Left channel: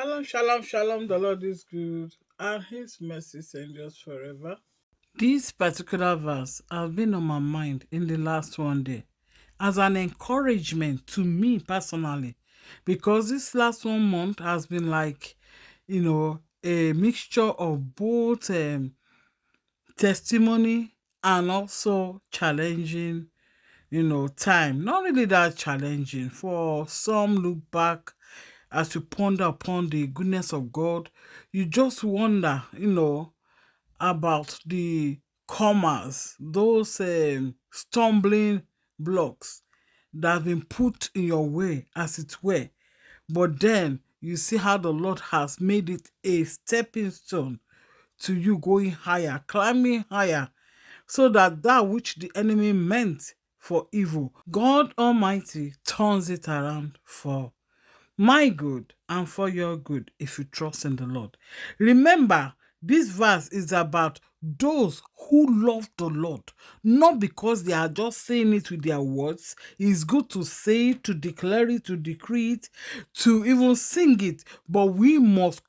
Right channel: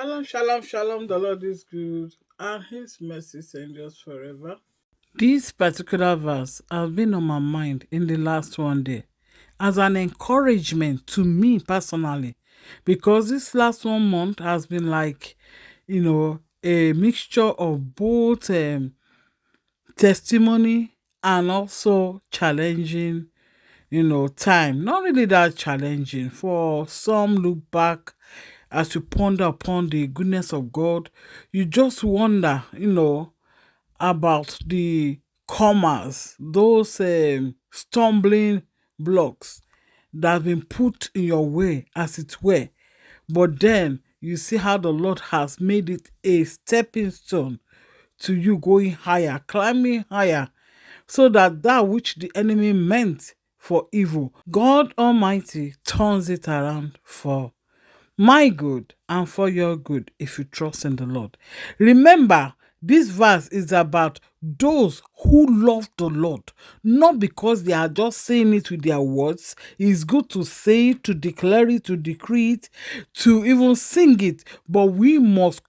Shalom, shalom, shalom. The Lord is good and his mercy endures forever. This particular verse has been on my mind in the last one day as an encouragement to me personally because this last 1 month has been like, a mixture of both testimony and also challenging, time. Not really that challenging. For some, look back as you ponder upon the goodness of God, you just wonder, about the commas, those stumbling blocks that have been put in your way, as it were. But then you see how the Lord has made it a stepping stone to you going higher, climbing higher, so that that which the enemy meant for evil, God Almighty turns it around for my good and for your good if you trust in the Lord. Remember, this verse is about those who love the Lord, not because they are just saying it with their words. It's good to say it, to declare it, to decree it, to even sing it, but we must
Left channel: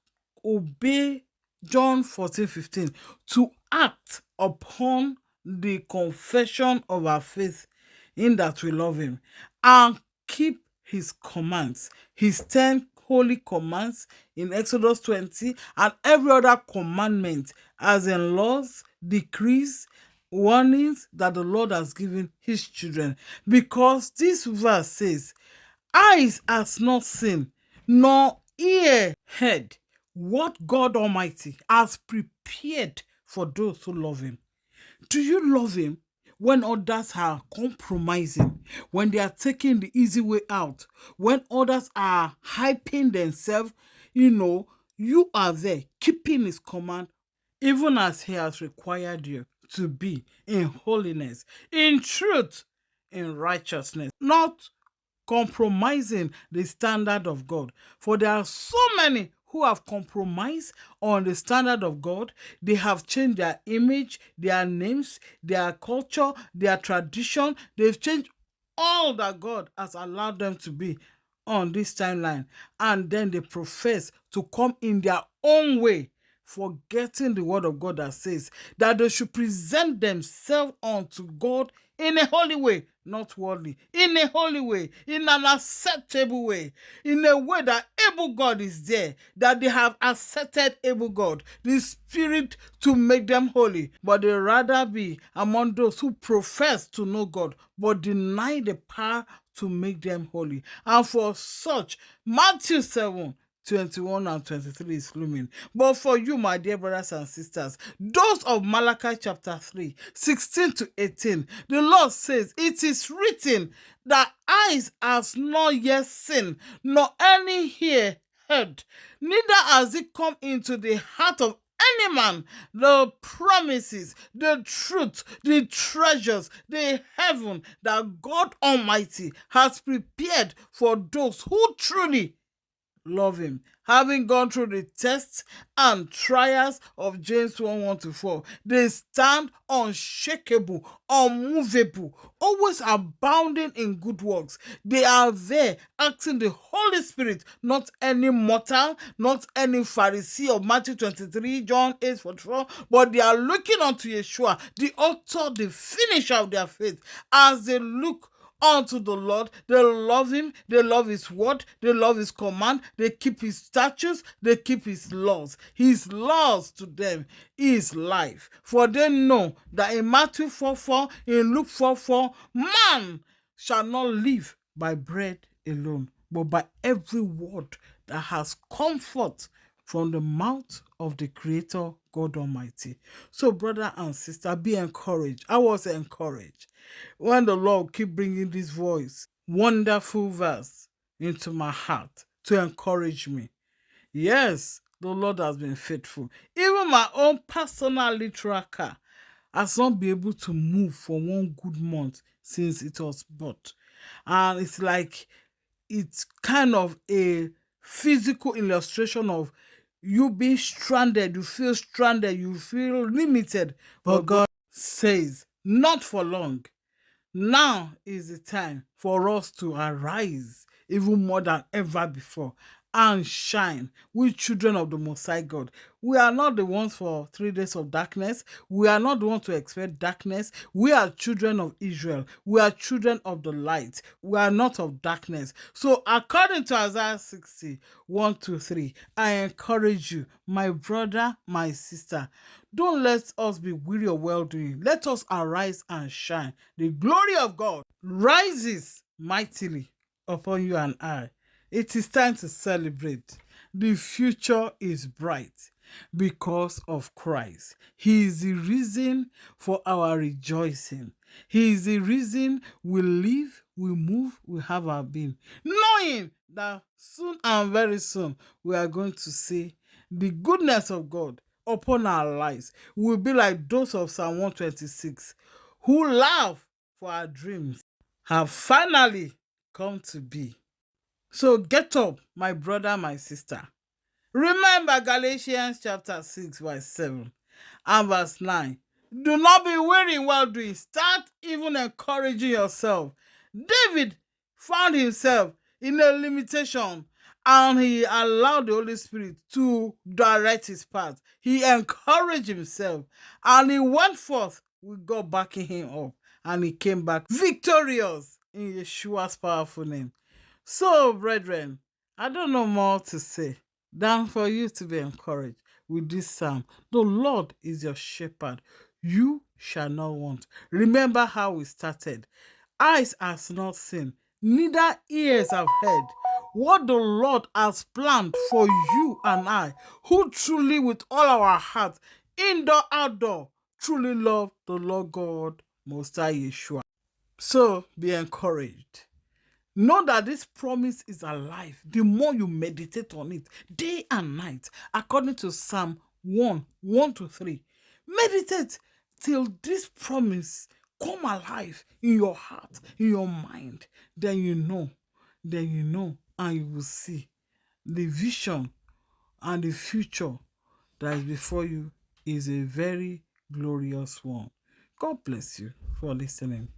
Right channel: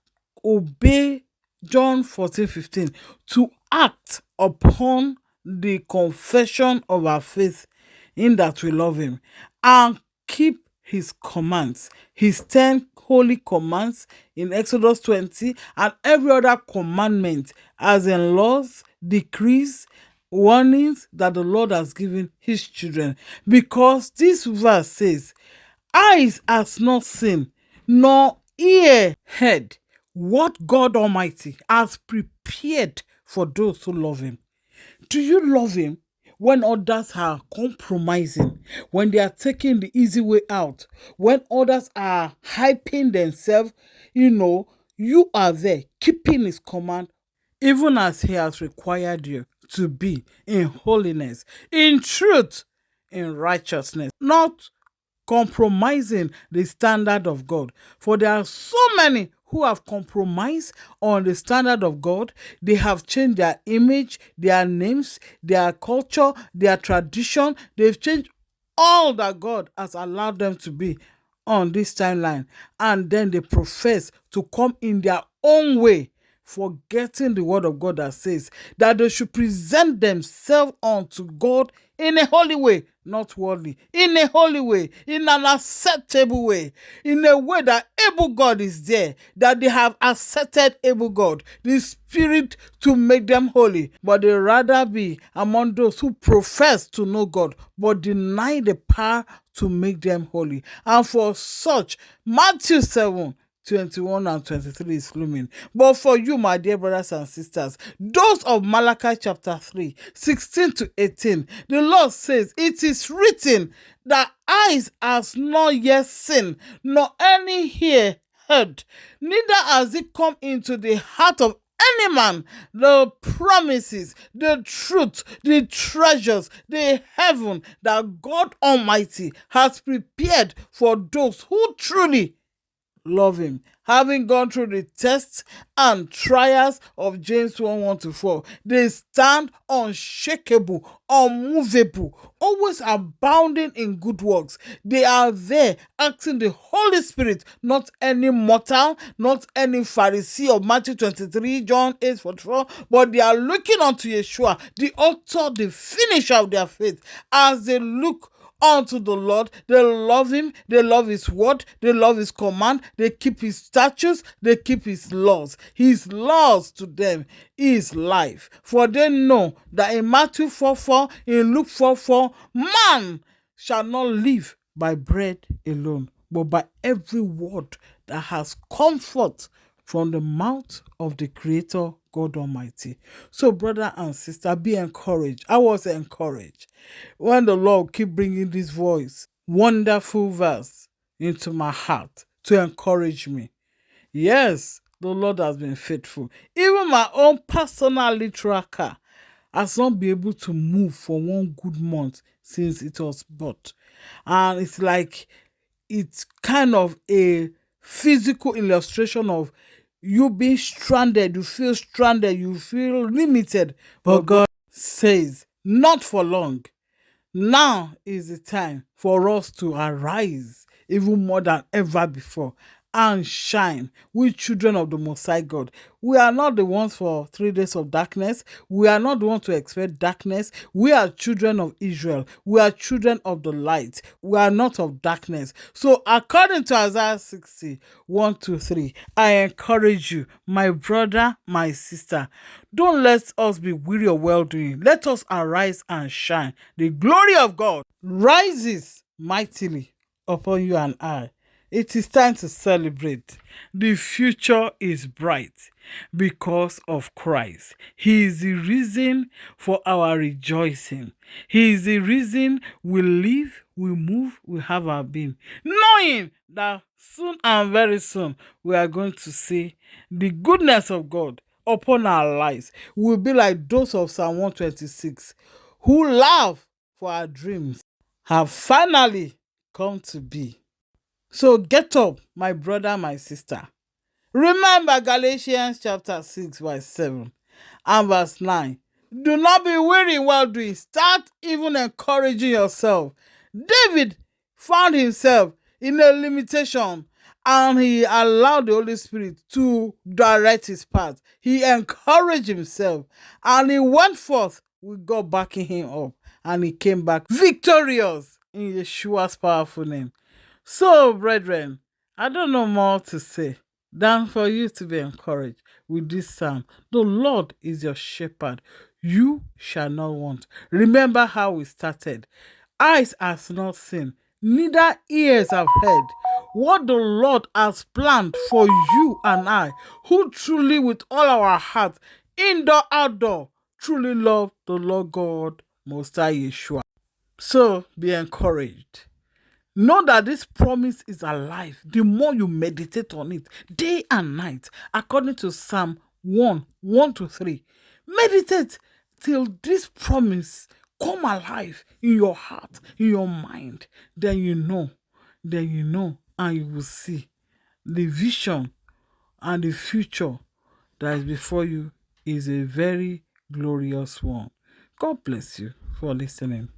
obey John 14:15 to act upon the confession of our faith in that we love him and keep his commands, his 10 holy commands in Exodus 20, and every other commandment, as in laws, decrees, warnings that the Lord has given his children. Because this verse says, eyes has not seen, nor ear heard what God Almighty has prepared for those who love him. Do you love him when others are compromising, when they are taking the easy way out, when others are hyping themselves? You are there keeping his command, even as he has required you to be in holiness, in truth, in righteousness, not compromising the standard of God. For there are so many who have compromised on the standard of God. They have changed their image, their names, their culture, their tradition. They've changed all that God has allowed them to be on this timeline. And then they profess to come in their own way, forgetting the word of God that says that they should present themselves unto God in a holy way, not worldly, in a holy way, in an acceptable way, in a way that able God is there, that they have accepted able God, the Spirit to make them holy, but they rather be among those who profess to know God, but deny the power to make them holy. And for such, Matthew 7:21 and 23 is looming. But for you, my dear brothers and sisters, those of Malachi chapter 3:16-18, the Lord says, it is written that eyes has not yet seen, nor any ear heard, neither has it come into the heart of any man the promises, the truth, the treasures, the heaven that God Almighty has prepared for those who truly love him. Having gone through the tests and trials of James 1:1-4, they stand unshakable, unmovable, always abounding in good works. They are there acting the Holy Spirit, not any mortal, not any Pharisee of Matthew 23, John 8:44, but they are looking unto Yeshua, the author, the finisher of their faith. As they look unto the Lord, they love him, they love his word, they love his command, they keep his statutes, they keep his laws. His laws to them is life. For they know that in Matthew 4:4, in Luke 4:4, man shall not live by bread alone, but by every word that has comfort from the mouth of the Creator God Almighty. So, brother and sister, be encouraged. I was encouraged when the Lord keep bringing this voice, wonderful verse into my heart to encourage me. Yes, the Lord has been faithful. Even my own personal literal car has not been able to move for 1 good month since it was bought. And it's like, it's kind of a physical illustration of you being stranded. You feel limited. But God says, not for long. Now is the time for us to arise even more than ever before and shine. We children of the Most High God. We are not the ones for 3 days of darkness. We are not the ones to expect darkness. We are children of Israel. We are children of the light. We are not of darkness. So according to Isaiah 60, 1 to 3, I encourage you, my brother, my sister, don't let us be weary of well-doing. Let us arise and shine. The glory of God rises mightily upon you and I. It is time to celebrate. The future is bright because of Christ. He is the reason for our rejoicing. He is the reason we live, we move, we have our being. Knowing that soon and very soon we are going to see the goodness of God upon our lives. We will be like those of Psalm 126 who laugh for our dreams have finally come to be. So get up, my brother, my sister. Remember Galatians chapter 6, verse 7 and verse 9. Do not be weary in well doing. Start even encouraging yourself. David found himself in a limitation and he allowed the Holy Spirit to direct his path. He encouraged himself and he went forth with God backing him up, and he came back victorious in Yeshua's powerful name. So, brethren, I don't know more to say than for you to be encouraged with this psalm. The Lord is your shepherd. You shall not want. Remember how we started. Eyes has not seen, neither ears have heard what the Lord has planned for you and I, who truly with all our heart, indoor, outdoor, truly love the Lord God Most High Yeshua. So be encouraged. Know that this promise is alive the more you meditate on it day and night, according to Psalm 1 to 3. Meditate till this promise come alive in your heart, in your mind. Then you know, and you will see the vision and the future that is before you is a very glorious one. God bless you for listening.